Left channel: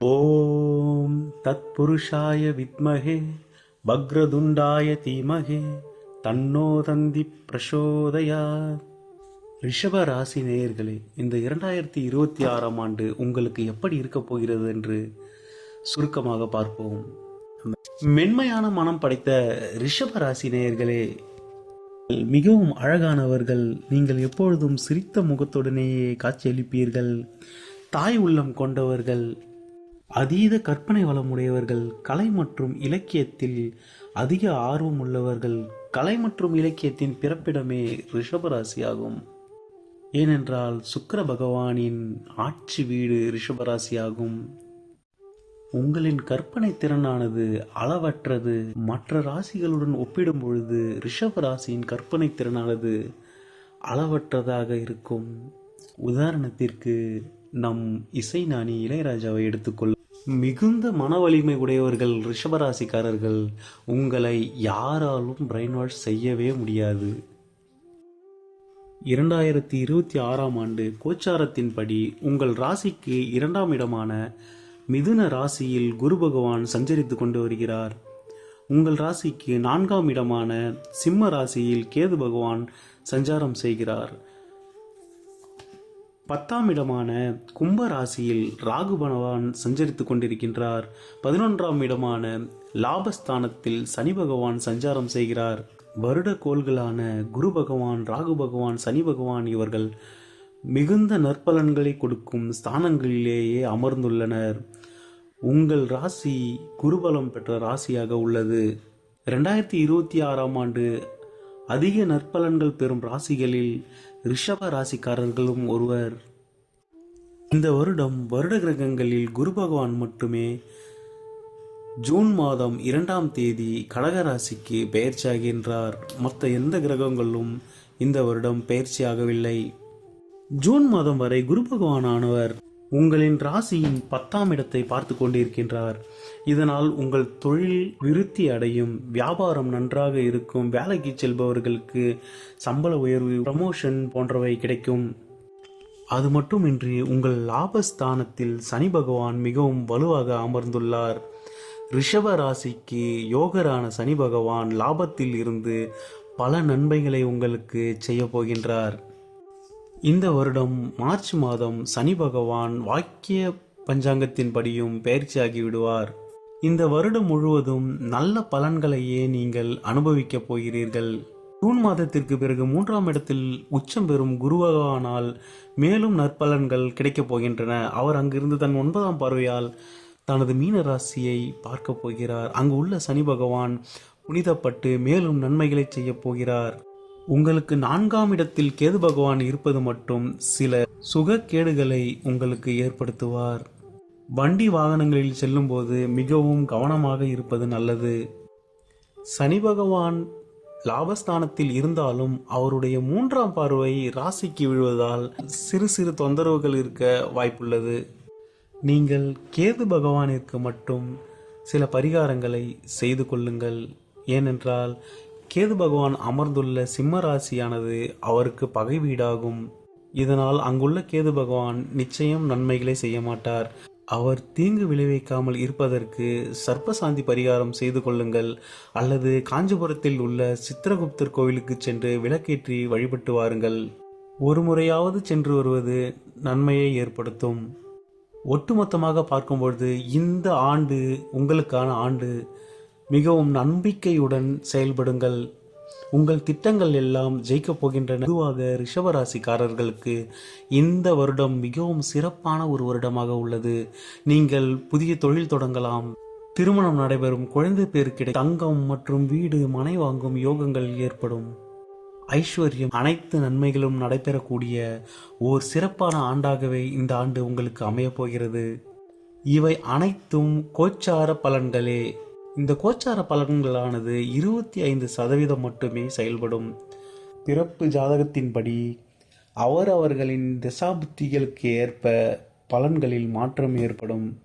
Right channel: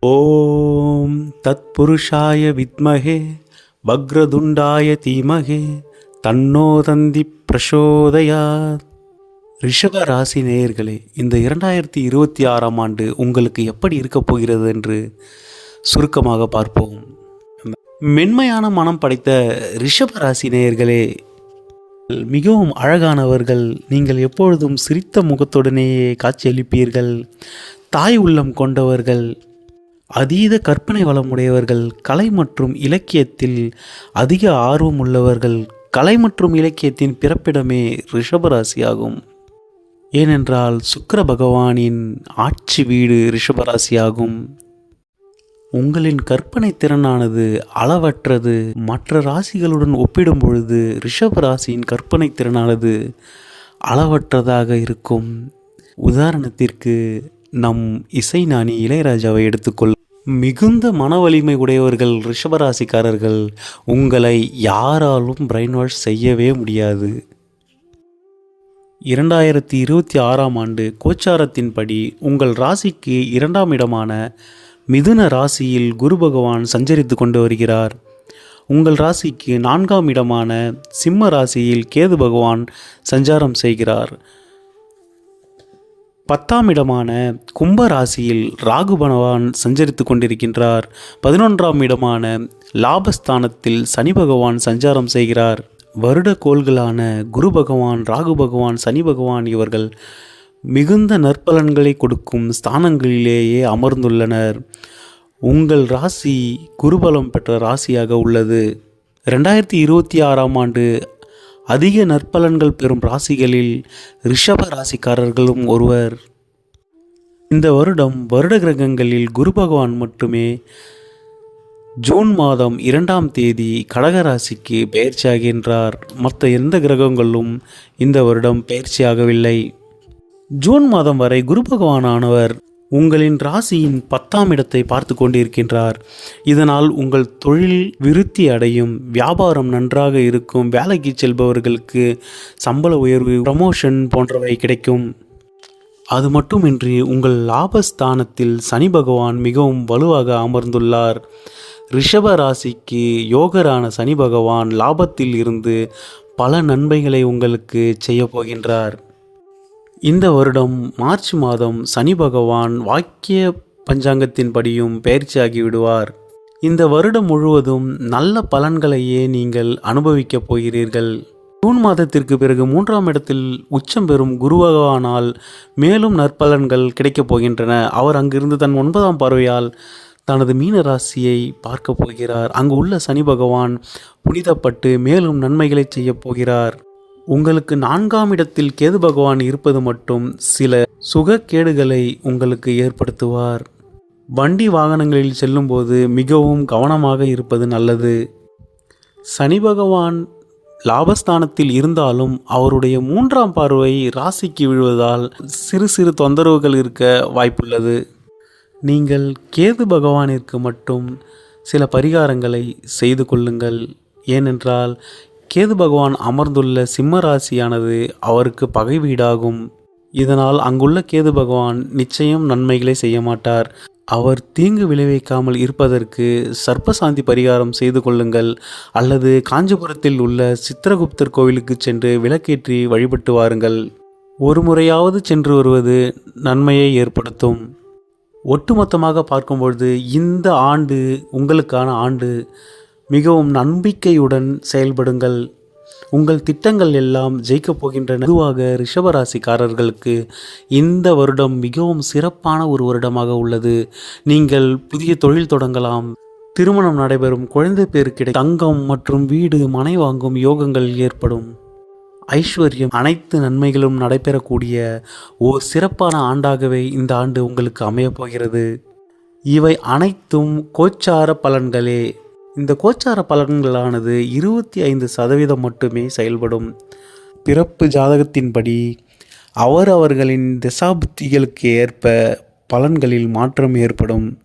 ஓம் தத்புருஷாய வித்மகே வக்ரதுண்டாய தீமகே தன்னோ தந்தி பிரசோதயாத். ரிஷப ராசி நேயர்களே இந்த இரண்டாயிரத்தி இருபத்தி ஆறாம் ஆண்டு உங்களுக்கு எப்படி இருக்கப் போகிறது என்று சுருக்கமாக பார்ப்போம். மென்மையான மனம் படைத்த ரிஷப ராசி நேயர்களே மிகவும் அழகானவர்கள் நீங்கள் எப்பொழுதும் சிரித்த முகத்துடனேயே காட்சியளிப்பீர்கள். தாய் உள்ளம் கொண்டவர்கள் அதீத கற்பனை வளமுடையவர்கள் கலை மற்றும் இலக்கியத்தில் அதிக ஆர்வம் உள்ளவர்கள் கலை மற்றும் இலக்கியத்தின் பிறப்பிடமே ரிஷபராசியாகும். ஏனென்றால் சுக்கர பகவானின் ஆட்சி வீடு ரிஷபராசியாகும். உங்களின் கற்பனை திறனானது அளவற்றது. மற்ற ராசிகளுடன் ஒப்பிடும் பொழுது ரிஷப ராசியின் கற்பனை திறனானது அளவற்றதாக இருக்கும். உதாரணத்திற்கு நம் இசைஞானி இளையராஜாவை எடுத்துக்கொள் மிகுந்த மன வலிமை உடையவர்கள் ரிஷபராசிக்காரர்கள் உங்களை யாராலும் பிரெயின் வாஷ் செய்யவே முடியாது. இரண்டாயிரத்தி இருபத்தி ஆறாம் ஆண்டு கோச்சாரத்தின்படி உங்கள் ராசிக்கு இரண்டாம் இடமான மிதுன ராசியில் குரு பகவான் சஞ்சரித்து கொண்டு வருகிறார். உங்கள் ராசிக்கு நான்காம் இடமான சிம்ம ராசியில் கேது பகவான் சஞ்சாரம் செய்கிறார். பத்தாம் இடமான கும்ப ராசியில் ராகு பகவான் சஞ்சரித்து கொண்டிருக்கின்றார். பதினொன்றாம் இடமான லாபஸ்தானத்தில் சனி பகவான் சஞ்சாரம் செய்கிறார். வருட கோள்களான குரு பகவான் ராகு பகவான் சனி பகவான் இவர்கள் மிகுந்த நற்பலன்களை கொடுக்கும் ஸ்தானங்களிலேயே அமர்ந்துள்ளனர். உங்கள் ராசி குருபலம் பெற்ற ராசியாக உள்ளது. ரெண்டாயிரத்தி இருபத்தி ஆறாம் ஆண்டு அதிக நற்பலன்கள் பெறும் ராசிகளில் ரிஷப ராசிக்காரர்களும் ஒருவர். இந்த வருடம் வருட கிரகங்களில் குரு பகவான் மட்டுமே. ஜூன் மாதம் இரண்டாம் தேதி கடகராசிக்கு பயிற்சியாகின்றார் மற்ற எந்த கிரகங்களும் இந்த வருடம் பயிற்சியாகவில்லை ஜூன் மாதம் வரை குரு பகவானானவர் உங்களின் ராசியின் பத்தாம் இடத்தை பார்த்து கொண்டிருக்கின்றார். இதனால் உங்கள் தொழில் விருத்தி அடையும் வியாபாரம் நன்றாக இருக்கும் வேலைக்கு செல்பவர்களுக்கு சம்பள உயர்வு ப்ரமோஷன் போன்றவை கிடைக்கும். அது மட்டுமின்றி உங்கள் லாபஸ்தானத்தில் சனி பகவான் மிகவும் வலுவாக அமர்ந்துள்ளார். ரிஷப ராசிக்கு யோகரான சனி பகவான் லாபத்தில் இருந்து பல நன்மைகளை உங்களுக்கு செய்ய போகின்றார். இந்த வருடம் மார்ச் மாதம் சனி பகவான் வாக்கிய பஞ்சாங்கத்தின்படியும் பயிற்சியாகி விடுவார். இந்த வருடம் முழுவதும் நல்ல பலன்களையே நீங்கள் அனுபவிக்கப் போகிறீர்கள். ஜூன் மாதத்திற்கு பிறகு மூன்றாம் இடத்தில் உச்சம் பெறும் குருவகவானால் மேலும் நற்பலன்கள் கிடைக்கப் போகின்றன. அவர் அங்கிருந்து தன் ஒன்பதாம் பார்வையால் தனது மீன ராசியை பார்க்க போகிறார். அங்கு உள்ள சனி பகவான் புனிதப்பட்டு மேலும் நன்மைகளை செய்யப் போகிறார். உங்களுக்கு நான்காம் இடத்தில் கேது பகவான் இருப்பது மட்டும் சில சுகக்கேடுகளை உங்களுக்கு ஏற்படுத்துவார். வண்டி வாகனங்களில் செல்லும்போது மிகவும் கவனமாக இருப்பது நல்லது. சனி பகவான் லாபஸ்தானத்தில் இருந்தாலும் அவருடைய மூன்றாம் பார்வை ராசிக்கு விழுவதால் சிறு சிறு தொந்தரவுகள் இருக்க வாய்ப்புள்ளது. நீங்கள் கேது பகவானிற்கு மட்டும் சில பரிகாரங்களை செய்து கொள்ளுங்கள். ஏனென்றால் கேது பகவான் அமர்ந்துள்ள சிம்ம ராசியானது அவருக்கு பகை வீடாகும். இதனால் அங்குள்ள கேது பகவான் நிச்சயம் நன்மைகளை செய்ய மாட்டார். அவர் தீங்கு விளைவிக்காமல் இருப்பதற்கு சர்ப்பசாந்தி பரிகாரம் செய்து கொள்ளுங்கள். அல்லது காஞ்சிபுரத்தில் உள்ள சித்திரகுப்தர் கோவிலுக்கு சென்று விளக்கேற்றி வழிபட்டு வாருங்கள். ஒரு முறையாவது சென்று வருவது நன்மையை ஏற்படுத்தும். ஒட்டுமொத்தமாக பார்க்கும்பொழுது இந்த ஆண்டு உங்களுக்கான ஆண்டு. மிகவும் நம்பிக்கையுடன் செயல்படுங்கள். உங்கள் திட்டங்கள் எல்லாம் ஜெயிக்கப் போகின்றன. பொதுவாக ரிஷபராசிக்காரர்களுக்கு இந்த வருடம் மிகவும் சிறப்பான ஒரு வருடமாக உள்ளது. நீங்கள் புதிய தொழில் தொடங்கலாம். திருமணம் நடைபெறும் குழந்தை பேர் கிடை தங்கம் மற்றும் வீடு மனை வாங்கும் யோகங்கள் ஏற்படும். ஐஸ்வர்யம் அனைத்து நன்மைகளும் நடைபெறக்கூடிய ஓர் சிறப்பான ஆண்டாகவே இந்த ஆண்டு உங்களுக்கு அமையப் போகிறது. இவை அனைத்தும் கோச்சார பலன்களே. இந்த கோச்சார பலன்களானது இருபத்தி ஐந்து சதவீதம் மட்டுமே செயல்படும். பிறப்பு ஜாதகத்தின்படி அவர் அவர்களின் திசாபுத்திகளுக்கு ஏற்ப பலன்களில் மாற்றம் ஏற்படும்.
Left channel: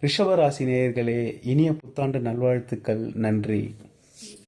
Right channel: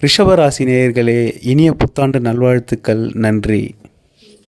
ரிஷபராசி நேயர்களே இனிய புத்தாண்டு நல்வாழ்த்துக்கள் நன்றி.